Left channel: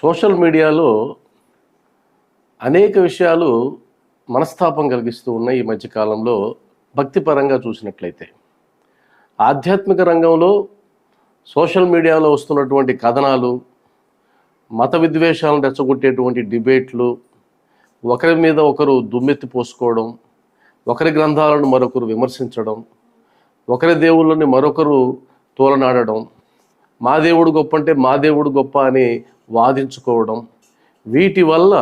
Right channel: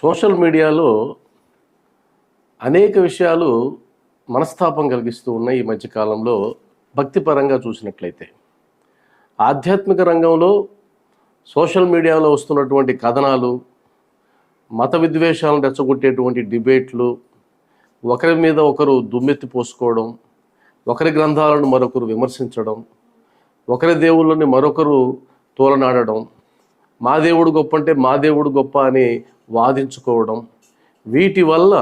Social మీడియాలో అనేక విషయాలు మనస్తాపం కలిగిస్తూ ఉన్నాయి ఈ మధ్యకాలంలో. భక్తిపరంగా చూసినట్లయితే ఆధ్యాత్మిక రంగంలో సోషల్ మీడియాలో వస్తున్నటువంటి కథనాలు, మత విద్వేషాలను రెచ్చగొట్టేటువంటి డిబేట్లు, ఒకరి మీద ఒకరు దుమ్మెత్తి పోసుకోవడం, ఒకరి గ్రంథాలను మరొకరు విమర్శించడం, ఒకరి దేవుళ్ళని మరొకరు తోలనాడడం, మా దేవుడు గొప్ప అంటే మా దేవుడు గొప్ప అని వాదించుకోవడం, వీటి వల్ల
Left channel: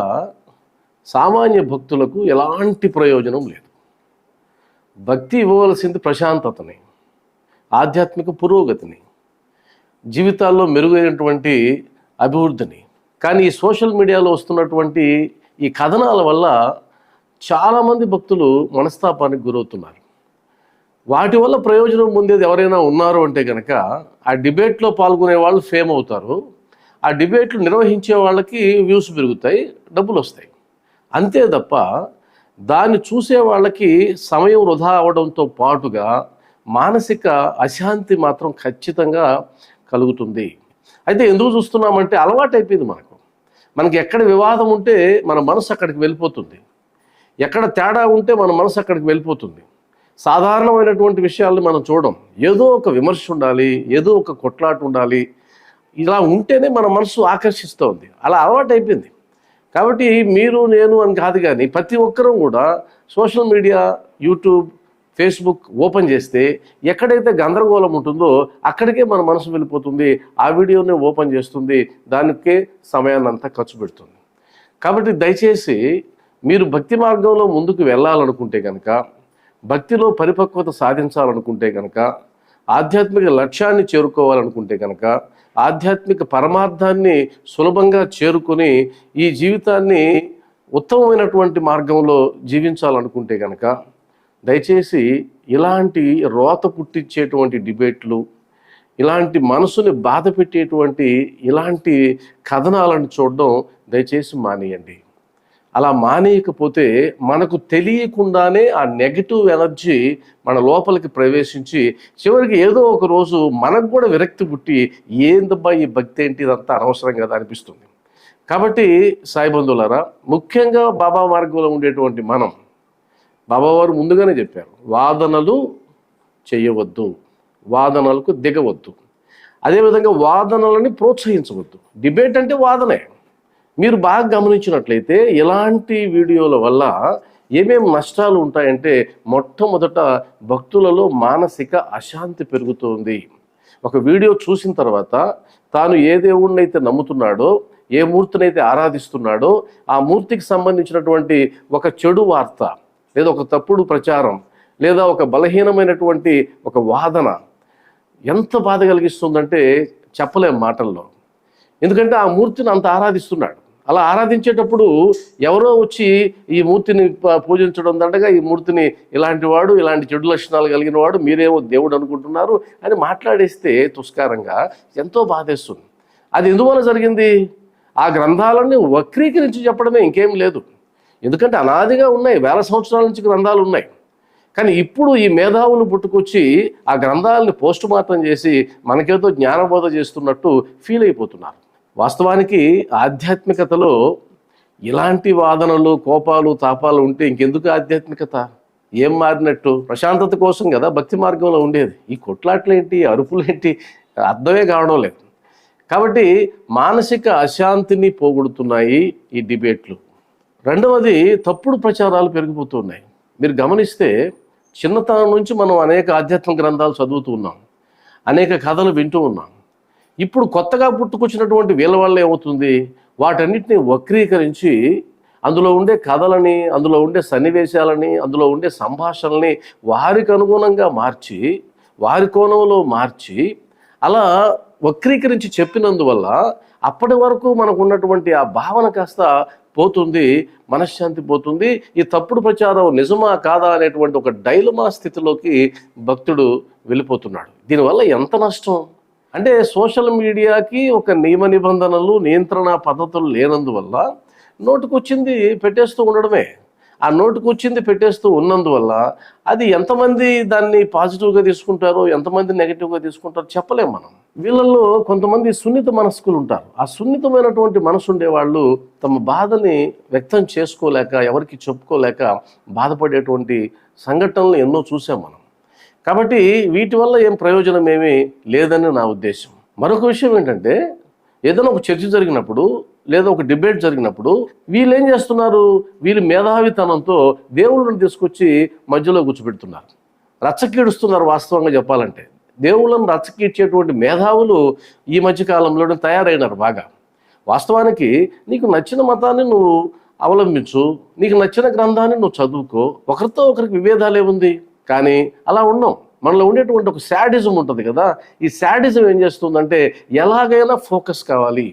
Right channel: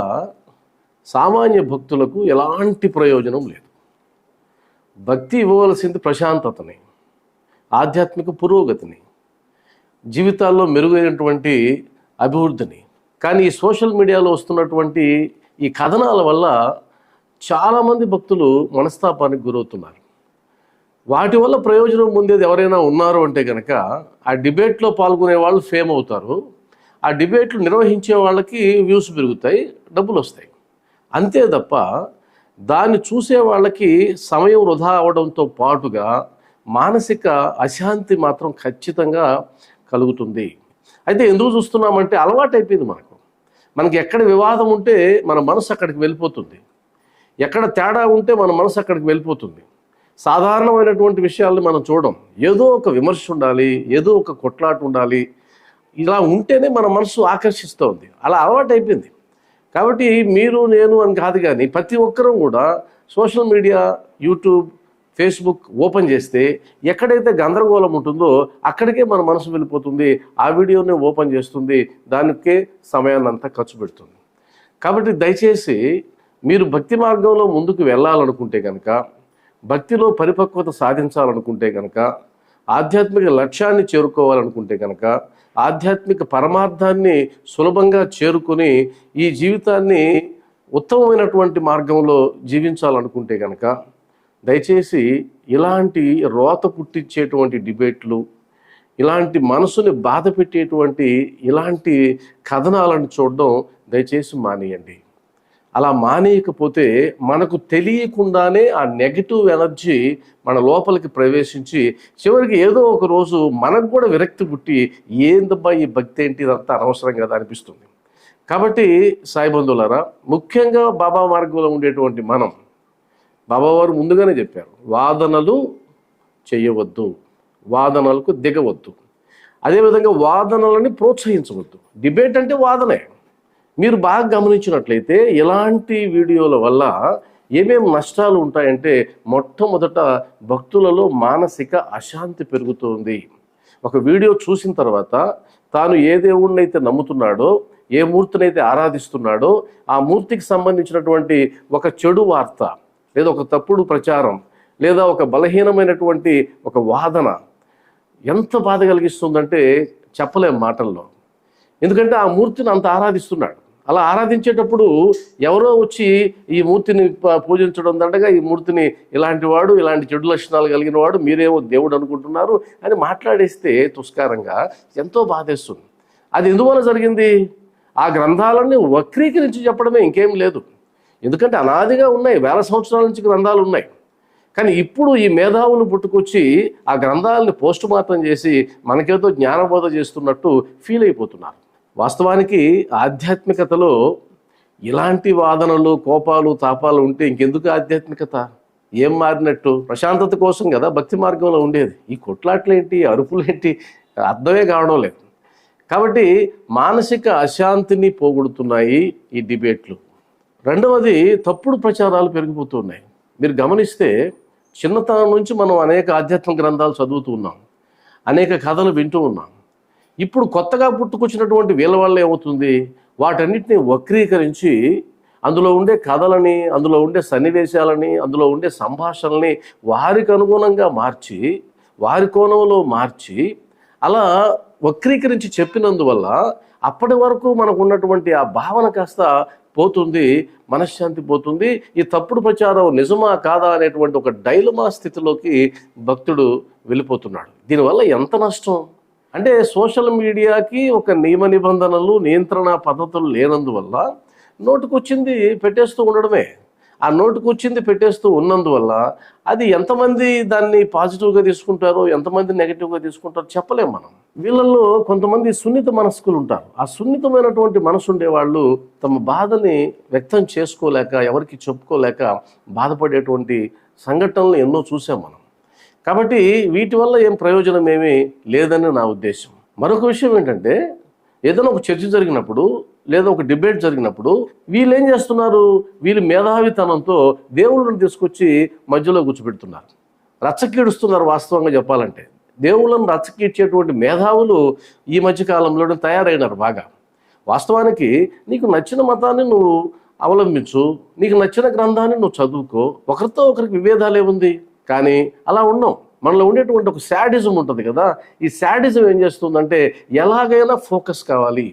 సామాన్య భక్తులకు ఎలాంటి ప్రయోజనం లేదు. భక్తి ఇవ్వవలసింది ప్రశాంతతని, ఆధ్యాత్మిక పురోగతిని, జీవితాల్లో మెరుగైనటువంటి అభివృద్ధిని. కానీ ఈ సోషల్ మీడియాలో వస్తున్నటువంటి ఈ కథనాల వల్ల చాలామంది భక్తులు మనస్తాపానికి గురవుతున్నారు. వాటి వల్ల ప్రయోజనం పొందేది ఎవరైనా ఉన్నారు అంటే కనుక ఆ డిబేట్లో పాల్గొనే వాళ్ళు ఫేమ్ అవుతారు, ఆ డిబేట్లు నిర్వహించే వాళ్ళకి వ్యూస్ పెరుగుతాయి, డబ్బులు వస్తాయి. అంతే తప్ప దాన్ని చూసే వాళ్ళకి సమయం వృధా అవడంతో పాటుగా మానసిక అశాంతి మాత్రం ఖచ్చితంగా కలుగుతుంది. అయితే ఎందుకు చూస్తున్నామంటే అలవాటు అయిపోయింది మనకి ఎక్కడ వివాదం ఉంటే మన మనసు అక్కడికి వెళ్ళిపోతుంది, ఎక్కడ తేడా ఉంటే మన మనసు అక్కడికి వెళ్ళిపోతుంది. సాధారణమైనటువంటి విషయాలను మనం చూడం, ఏదో ఒక విమర్శ ఉండాలి, ఏదో ఒక కొట్లాట ఉండాలి, ఇలా ఉంటేనే మన మనసు ఆకర్షిస్తూ ఉంది. అలా అలవాటు అయిపోయింది. కాబట్టి మీరు నేను అని కాదు, కానీ ప్రతి ఒక్కరూ కూడా social media, YouTube, Facebook open చేస్తే ఎక్కడైతే గందరగోళం ఉంటుందో అక్కడికే మన మనసు వెళ్ళిపోతుంది, ఆ వీడియోని ఓపెన్ చేస్తుంది, దానికే సమయాన్ని అంతా ఖర్చు పెడుతుంది. కాబట్టి దయచేసి మీరు భక్తి మార్గంలో ముందుకు వెళ్ళాలనుకుంటే కనుక, భక్తిలో పరిపక్వత సాధించాలనుకుంటే కనుక, ఆధ్యాత్మిక లక్ష్యాన్ని చేరుకోవాలనుకుంటే కనుక, ఆధ్యాత్మిక పరమార్థాన్ని సులభంగా చేరుకొని ఈ జీవితాన్ని ఉత్తమమైనటువంటి మార్గంలో జీవించాలనుకుంటే కనుక దయచేసి ఇలాంటి రోత పుట్టించేటువంటి డిబేట్లు, ఇలాంటి మనసుని బాధ పెట్టేటువంటి ఇలాంటి కథనాలను చూడడం దయచేసి మానేయండి. అలా మానేయకపోతే మనకు తెలియకుండానే ఆ నెగటివ్ ఎనర్జీ మన లోపలికి ప్రవేశించి చివరికి ఏదో ఒక రోజు మనకు కూడా విరక్తి పుట్టి ఏందబ్బా ఈ భక్తి ఏంటి, ఇదంతా అనవసరం కదా అనిపిస్తుంది. కాబట్టి సాయి బంధువులారా, ముఖ్యంగా బాబా మార్గంలో ఉండేటువంటి మనం, బాబావారు ముందుగానే చెప్పారు, వాదనలు చేయవద్దు, వాదనలకు దిగవద్దు, అదేవిధంగా వాదనలని ప్రోత్సహించవద్దు. డిబేట్ అంటే వాదనే. మీరు బాగా గమనించినట్లయితే ఇలాంటి వీడియోల వల్ల ఏమేమి నష్టాలు ఉంటాయంటే, మొట్టమొదట భక్తులలో మానసిక అశాంతి పెరుగుతుంది. ఒక వీడియో చూసిన తర్వాత తాను ఏ దేవుణ్ణైతే నమ్ముతున్నాడో, ఏ మూర్తినైతే ఆరాధిస్తున్నాడో ఆ మూర్తికి సంబంధించినటువంటి ఒక చెడు వార్త, లేదా ఒక తప్పుడు ప్రచారం, లేదా ఒక బలహీనమైనటువంటి ఒక వాదన ఎంత బాధ కలిగిస్తుందంటే చెప్పలేం మాటల్లో. ఎందుకంటే ఆ మూర్తిని అంత ఆరాధిస్తున్నాడు. అలా ఆరాధించేటప్పుడు ఎవరో వచ్చి ఈ మూర్తిని పూజించడం దండగా, ఈ మూర్తిని ఇలాంటి వాడు, ఇలాంటి చెడు లక్షణాలు కలిగిన వాడు, మీరేమో దేవుడు అనుకుంటున్నారు అని మాట్లాడేస్తే తుస్కారంగా ఎంతో బాధేస్తుంది. అది ఎందువల్ల జరిగింది? ఆ గ్రంథాలన్నీ వక్రీకరించి చెప్పడమే, ఇంకేం లేదు. ఎందుకంటే అనాదిగా ఉన్నాయి, వేల సంవత్సరాల నుంచి గ్రంథాలు ఉన్నాయి. కానీ ఇప్పుడు ఈ మేధావులు పుట్టుకొచ్చి ఆ గ్రంథాలని పోస్ట్ మార్టం చేసి మనకేదో జ్ఞానబోధ చేస్తున్నట్టు ఫీల్ అయిపోతున్నారు. వాస్తవానికి ఆధ్యాత్మికతలో ఇలాంటి వాదనలు, కోపాలు, తాపాలు ఉంటే ఇంకెందుకు ఆధ్యాత్మికత? ఏం మారినట్టు? ప్రశాంతత కోసం కదా భక్తి మార్గంలో ఉండేది. ఈ కొట్లాట్లేంటి, అరుపులేంటి, అర్థమే కావడం లేదు. కాబట్టి మానసిక అశాంతిని పోగొడుతున్నాయి ఈ డిబేట్లు. రెండవది, తప్పుడు ప్రచారాలు పెరిగిపోతున్నాయి. మీరు గమనిస్తే చిన్నతనం నుంచి మనం అనేక ఆధ్యాత్మిక గ్రంథాలు చదువుతూ ఉన్నాం, అనేక కథలు వింటూ ఉన్నాం. ఇప్పుడు కొత్తగా పుట్టుకొచ్చినటువంటి వీళ్ళ వల్ల ఏమవుతుంది, వాటన్నిటిని వక్రీకరించి అందులో ఉండే కథలని, అందులో ఉండే సన్నివేశాలని, అందులో ఉండే సంభాషణల్ని వారికి అనుగుణంగా మార్చి, వారి కోణంలో మార్చి, అలా వక్రీకరించి చెప్పినందువల్ల అప్పటి వరకు మనకు ఉన్నటువంటి ఆ భావన కాస్త పోతుంది, మనశ్శాంతి పోతుంది. ఈ తప్పుడు ప్రచారం నిజమా కాదా అనేటువంటి ఒక డైలమా స్థితిలోకి భక్తుడు వెళ్ళిపోతున్నాడు. దీనివల్ల ఎంత నష్టం అంటే, సోషల్ మీడియాకి ఒక నియమ నిబంధనలు, నియంత్రణ పద్ధతులు లేనందువల్ల నోటుకొచ్చింది పెట్టేస్తూ ఉండడమే. ఆ నోటుకు వచ్చింది పెట్టేస్తూ ఉన్నందువల్ల అది ఎంతమంది దాన్ని పాజిటివ్గా తీసుకుంటారో ఎంతమంది నెగిటివ్గా తీసుకుంటారో చెప్పలేం మనం. వీళ్ళల్లో కొంతమంది సున్నిత మనస్కులు ఉంటారు. ఆ సున్నితమైనటువంటి మనసు ఉండేవాళ్ళు తమ బాధని వ్యక్తం చేసుకోలేక, ఎవరికి చెప్పుకోలేక బాధపడేటువంటి సంఘటనలు ఎన్నో చూసాం మనం. కాబట్టి వీటి వల్ల ఏం ప్రయోజనం ఏమీ లేదని నా ఉద్దేశం. మరొక విషయం ఏంటంటే, ఏదైనా ఒక చర్చ జరిగినప్పుడు లేదా ఒక డిబేట్ జరిగినప్పుడు వీళ్ళు ఏం చేస్తున్నారు, వీళ్ళు మేధావితనంతో దేవుళ్ళని తీసుకొచ్చి మధ్యలో కూర్చోబెడుతున్నారు, రచ్చకీడుస్తున్నారు. వాస్తవంగా చెప్పాలంటే దేవుళ్ళను రచ్చకీడ్చేటువంటి మేధావులు ఈ మధ్య కాలంలోనే తయారైనారు బాగా. వాస్తవానికి నీకు నచ్చిన మతాన్ని నువ్వు అవలంబించు, నీకు నచ్చిన గ్రంథాన్ని నువ్వు చదువుకో, ఒకరితో ఒకరికి విభేదాలే ఉంది. కానీ అలా ఉన్నాం. మనలో ఉండేటువంటి ఒక శాడిజం ఉంటుంది కదా, ఈ శాడిజం ఏం చేస్తుందంటే ఎలాగైనా ఫోకస్ కావాలి,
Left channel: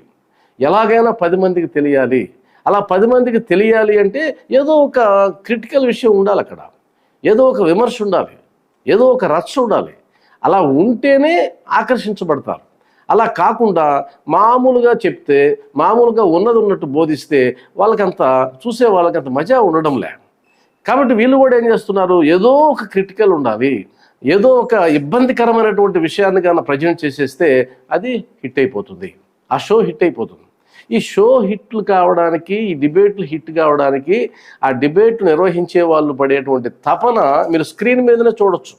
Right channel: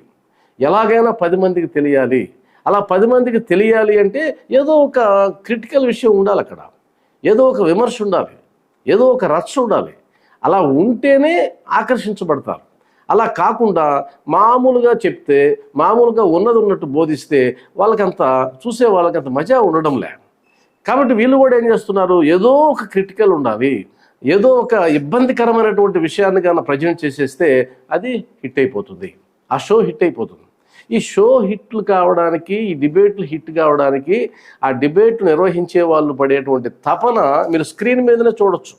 ఎలాగైనా 10 మందికి తెలియాలి. అలా 10 మందికి తెలియాలి అంటే ఏదో ఒక క్రిటికల్ విషయం ఉండాలి, అక్కడ ఏదో ఒక విమర్శ ఉండాలి, ఏదో ఒక రచ్చ ఉండాలి. అలా ఉంటేనే ఆకర్షించబడతారు. అలా కాకుండా మామూలుగా చెప్తే, మామూలుగా ఉన్నది ఉన్నట్టు బోధిస్తే వాళ్ళకంత చూసే వాళ్ళకంత మజా ఉండడంలే. కాబట్టి వీళ్ళు కూడా ఏం చేస్తున్నారు, ఏదో ఒక క్రిటికల్ ఉండాలి, ఏదో ఒక ఇబ్బందికరమైనటువంటి విషయాన్ని కానీ ప్రజెంట్ చేసేస్తే అది హిట్ అయిపోతుంది, ఆ షో హిట్ అయిపోతుంది. ఈ షో హిట్లు కావడానికి, ఈ డిబేట్లు హిట్ కావడానికి, ఆ డిబేట్ నిర్వహించే వాళ్ళు పడేటువంటి తపన మీరు స్క్రీన్ మీదనే చూడొచ్చు.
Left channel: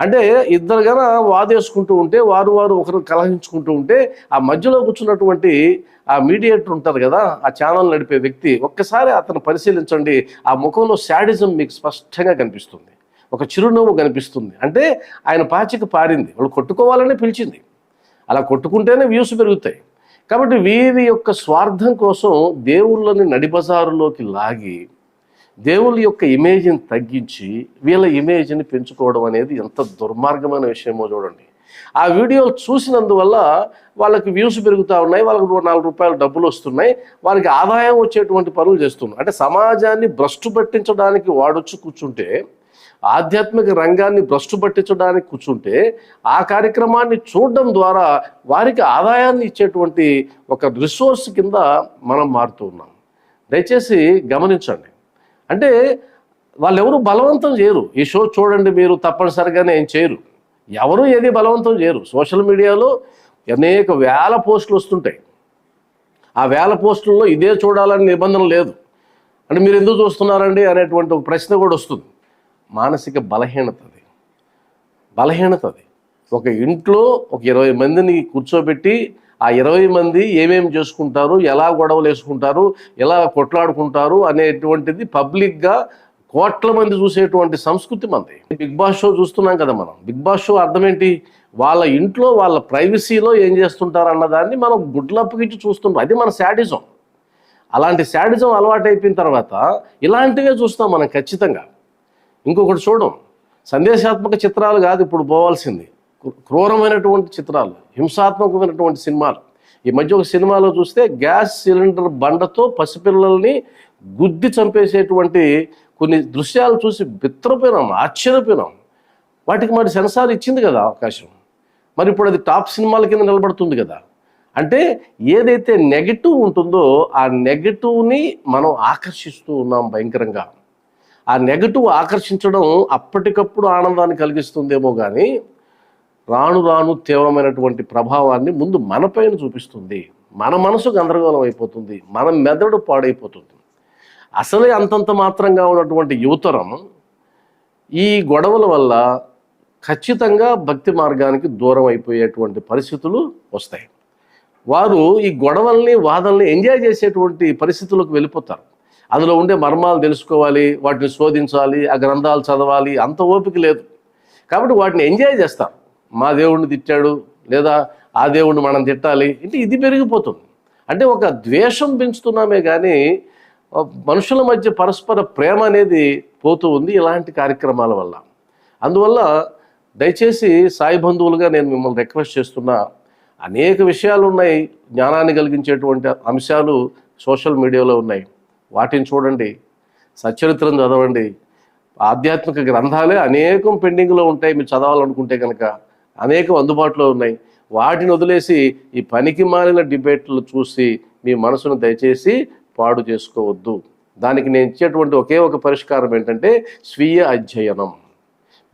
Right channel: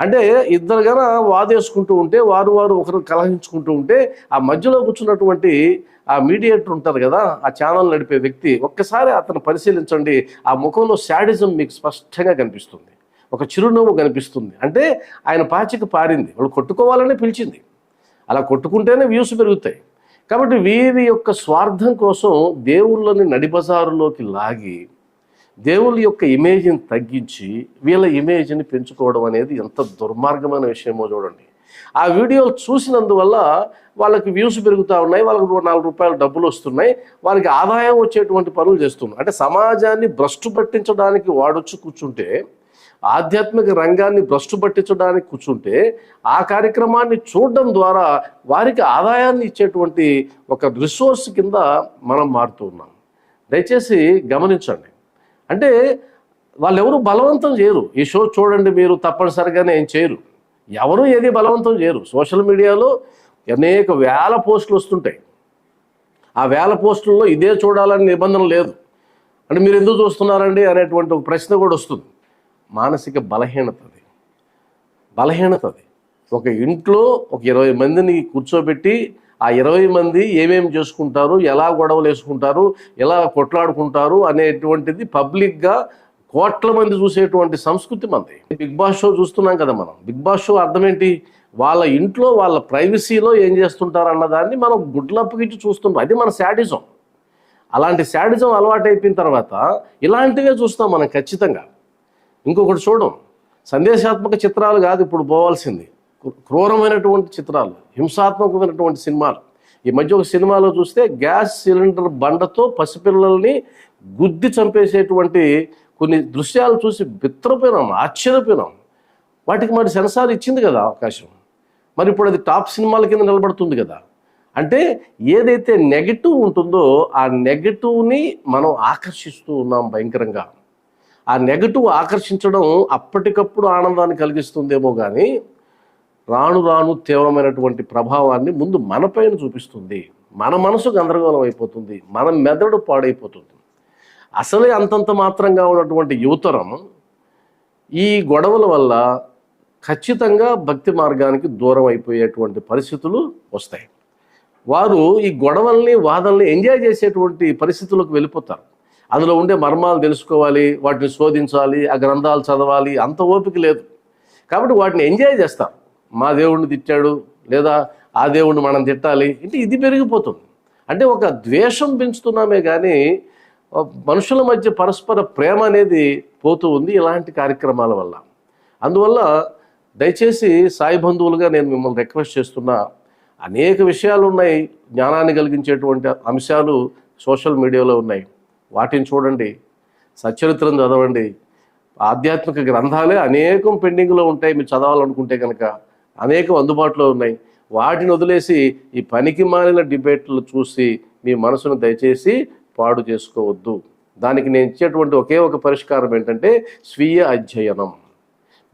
అంటే ఇద్దరు గన వాదేసుకుంటూ ఉంటే, వారు ఒకరు కలహించుకుంటూ ఉంటే, ఆ మధ్యలో కూర్చున్నటువంటి ఆ మీడియేటర్ ఉంటారు కదా, ఆ ఛానల్ నడిపే వ్యక్తి, ఒక్కసారి అతను పరిశీలించండి. ఆ ముఖంలో శాడిజం మీకు స్పష్టంగా కనిపిస్తుంది, ఒక చిరునవ్వు కనిపిస్తుంది. అంటే ఆయన పాచిక పారింది, వాళ్ళు కొట్టుకోవాలనే పిలిచింది. అలా కొట్టుకుంటేనే వ్యూస్ పెరుగుతాయి. కాబట్టి వీరి యొక్క స్వార్థం కోసం దేవుళ్ళని నడిబజారులోకి లాగి దేవుళ్ళ యొక్క ఇమేజ్ని తగ్గించి వీళ్ళ ఇమేజ్ని పెంచుకోవడం అనేది ఎంత దుర్మార్గమైన విషయమో చూడండి. ఆ వీడియోలు చూసినందువల్ల వాళ్ళకి వ్యూస్ పెరుగుతూ ఉన్నాయి, వాళ్ళకి 4 రూపాయలు డబ్బులు వస్తున్నాయి, వారికి ఆదాయం వచ్చేటువంటి పనులు చేస్తున్నారు. అంటే సమాజాన్ని భ్రష్టు పట్టించడానికి వాడొచ్చి కూర్చుంటే, ఆధ్యాత్మిక రంగాన్ని భ్రష్టు పట్టించడానికి కూర్చుంటే, ఆ కార్యక్రమాన్ని చూడడం ద్వారా వారికి ఆదాయాన్ని ఇచ్చేటువంటి ఒక రిసోర్స్ కింద మనం మారుతూ ఉన్నాం. దయచేసి గమనించండి. అంటే వాళ్ళు ఎవరు బలవంతం చేయరు, ఈ షో చూడండి మీరు తప్పనిసరిగానే ఏం చేయరు, ఎవరు ఏది బలవంతం చేయరు. సోషల్ మీడియాలో అనేక వేల పోస్టులు వస్తుంటాయి. ఆ వేల పోస్టుల్లో ఇదే చూడాలని నిబంధన లేదు. అంటే మీరు ఎందుకు చూస్తున్నారండి అనేటువంటి ఒక ప్రశ్న కూడా వస్తుంది. మానసిక బలహీనత అది. ఒక ఇంట్లో ఒక 20 మందిని కూర్చోబెట్టి ఆ 20 మంది ఏమేమి చేసుకుంటారు, ఎలా గొడవలు వేసుకుంటారు, ఎలా కొట్లాడుకుంటారు అనేటువంటిది పబ్లిక్గా కోట్ల మంది చూసేటువంటి సంస్కృతి మనది. బిగ్ బాస్ షో చూస్తున్నాం కదా మనం. బిగ్ బాస్ షో అర్థం ఏంటి, వాళ్ళ ఇంట్లో వాళ్ళ ప్రైవసీలో ఏం చేస్తుంటారు అన్నదాన్ని మనం గుడ్లప్పగిచ్చి చూస్తుంటాం. అది మన శాడిజం. అలాంటి శాడిజం అలవాటు అయిపోయిన తర్వాత ఇలాంటివే చూస్తాం మనం ఖచ్చితంగా. ఇంకొకటి చూడం, సందేశాత్మక చిత్రాలు కాదు ఇప్పుడు పోవాల్సింది, క్రూరమైనటువంటి చిత్రాలు, హింసాత్మకమైనటువంటి సినిమాలు. ఈ మధ్య ఒక సినిమాలో చూస్తే గ్యాస్ సిలిండర్ బండతో పసిపిల్లల్ని గుద్ది చంపేసేటువంటి కొన్ని దృశ్యాలు చూసి బిత్తరపోయినాం, ఆశ్చర్యపోయినాం. వాటికి మరి సెన్సార్ ఇచ్చింది కదా అవకాశం, మరి ఇప్పుడు అది టాప్ సినిమాల కింద నిలబడుతుంది కదా. అంటే ఏదైతే నెగటివ్ ఉంటుందో ఆ నెగటివ్ని మనం ఆకర్షిస్తూ ఉన్నాం భయంకరంగా. ఆ నెగటివ్ ఆకర్షించడం అప్పటికప్పుడు ఆనందాన్ని కలిగిస్తుందేమో కానీ రాను రాను తీవ్రమైనటువంటి ప్రభావాన్ని ముందు మనపైన చూపిస్తుంది. మన మనసు గందరగోళం అయిపోతుంది, మన మెదడు పాడైపోతుంది. అసలే అంతంత మాత్రంగా ఉన్నటువంటి యువతరం ఈ గొడవల వల్ల ఖచ్చితంగా భక్తి మార్గానికి దూరం అయిపోయేటువంటి పరిస్థితులు వస్తాయి. వారు ఈ గొడవల్ని, వాదనల్ని ఎంజాయ్ చేసేటువంటి పరిస్థితులకు వెళ్ళిపోతారు. అందులో ఉండే మర్మాలు తెలుసుకోవాలి, వాటిని శోధించాలి, ఆ గ్రంథాలు చదవాలి, అంత ఓపిక లేదు. కాబట్టి వాటిని ఎంజాయ్ చేస్తారు. మా దేవుడిని తిట్టాడు, లేదా ఆ దేవుడిని మనం తిట్టాలి, అంటే ఇది పెరిగిపోతుంది. అంటే ఒక ద్వేషం పెంచుతున్నామే కానీ మనుషుల మధ్య పరస్పర ప్రేమ అనేది పోతూ ఉంది ఇలాంటి కార్యక్రమాల వల్ల. అందువల్ల దయచేసి సాయి బంధువులుగా నేను మిమ్మల్ని రిక్వెస్ట్ చేస్తున్నా, అనేక విషయాలు ఉన్నాయి, జ్ఞానాన్ని కలిగించేటువంటి అంశాలు సోషల్ మీడియాలో ఉన్నాయి, వాటిని చూడండి, సచ్చరిత్రను చదవండి. ఆధ్యాత్మిక గ్రంథాలే అనేకం పెండింగ్లో ఉంటాయి, మీరు చదవాలనుకుంటే కనుక అనేకం అందుబాటులో ఉన్నాయి. వాటిని వదిలేసి ఈ పనికి మాలిన డిబేట్లు చూసి మీ మనసును దయచేసి పాడు చేసుకోవద్దు. దానికి నేను ఇచ్చేటువంటి ఒకే ఒక పరిష్కారం ఏంటంటే స్వీయ అధ్యయనం.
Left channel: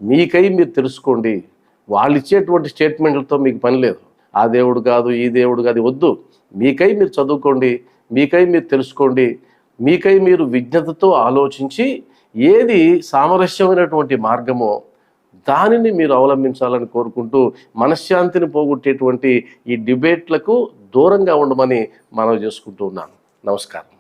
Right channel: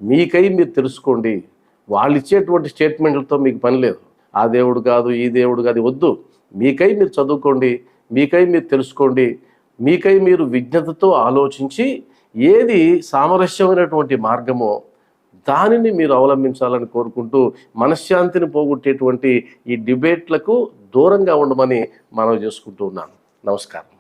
మీకై మీరు తెలుసుకోండి. వాళ్ళు ఇచ్చేటువంటి స్టేట్మెంట్లతో మీకు పని లేదు. ఆ దేవుడు కాదు, ఈ దేవుడు కాదు, వద్దు. మీకై మీరు చదువుకోండి, మీకై మీరు తెలుసుకోండి, మీకై మీరు విజ్ఞతతో ఆలోచించి ఏది సామరస్యమైనటువంటి మార్గమో దానిని మీరు అవలంబించాలని కోరుకుంటూ, మనశ్శాంతిని పోగొట్టేటువంటి ఈ డిబేట్లకు దూరంగా ఉండమని మనవి చేసుకుంటూ ఉన్నాను. నమస్కారం.